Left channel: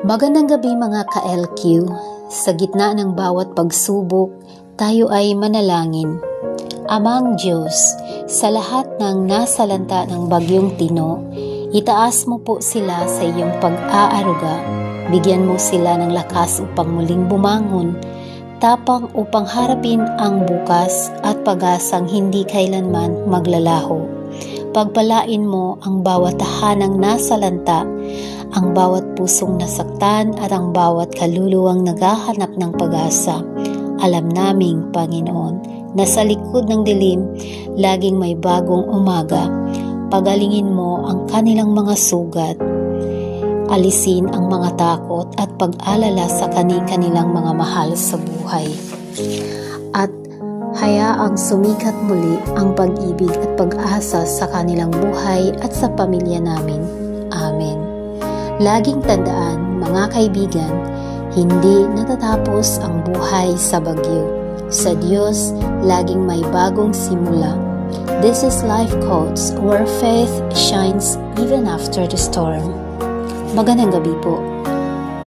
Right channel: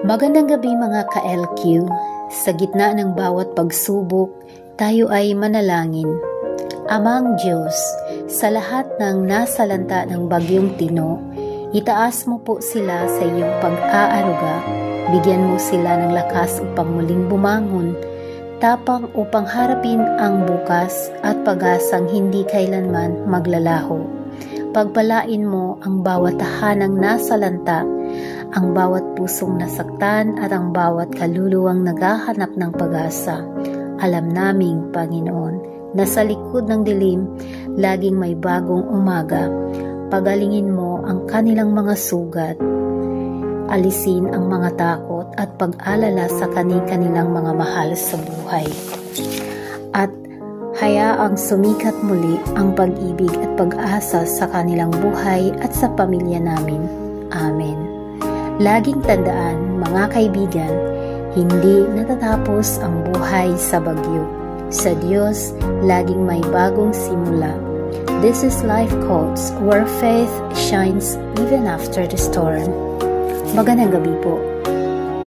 Magandang gabi mga ka-LQ. Sa gitna ng bawat pagsubok, tayo ay manalangin. Amang Diyos, sa lahat ng nasalanta ng bagyong Tino, itaas mo po sila sa iyong pag-aaruga. Bigyan mo sila ng lakas upang muling bumangon, tapang upang harapin ang bukas at pag-asang hindi kailanman maglalaho. Pagpalain mo ang bawat tahanang nasalanta, ang bawat pusong nasaktan at ang bawat kaluluwang naghahanap ng pag-asa. Alam naming, Panginoon, na sa likod ng dilim, laging may bagong umaga. Pagalingin mo ang kanilang mga sugat. Alisin ang mga takot at pag-alala sa kanilang mga mahal sa buhay. At hayaang sumikat muli ang pag-ibig at pag-asa sa kanilang buhay at sa pamilya namin. Amen. Laging tandaan, mga kaibigan, hindi natatapos ang buhay sa bagyo. Sa Diyos, laging may bagong simula. This is Life Quotes, where faith shines even after the storm. Magandang gabi po.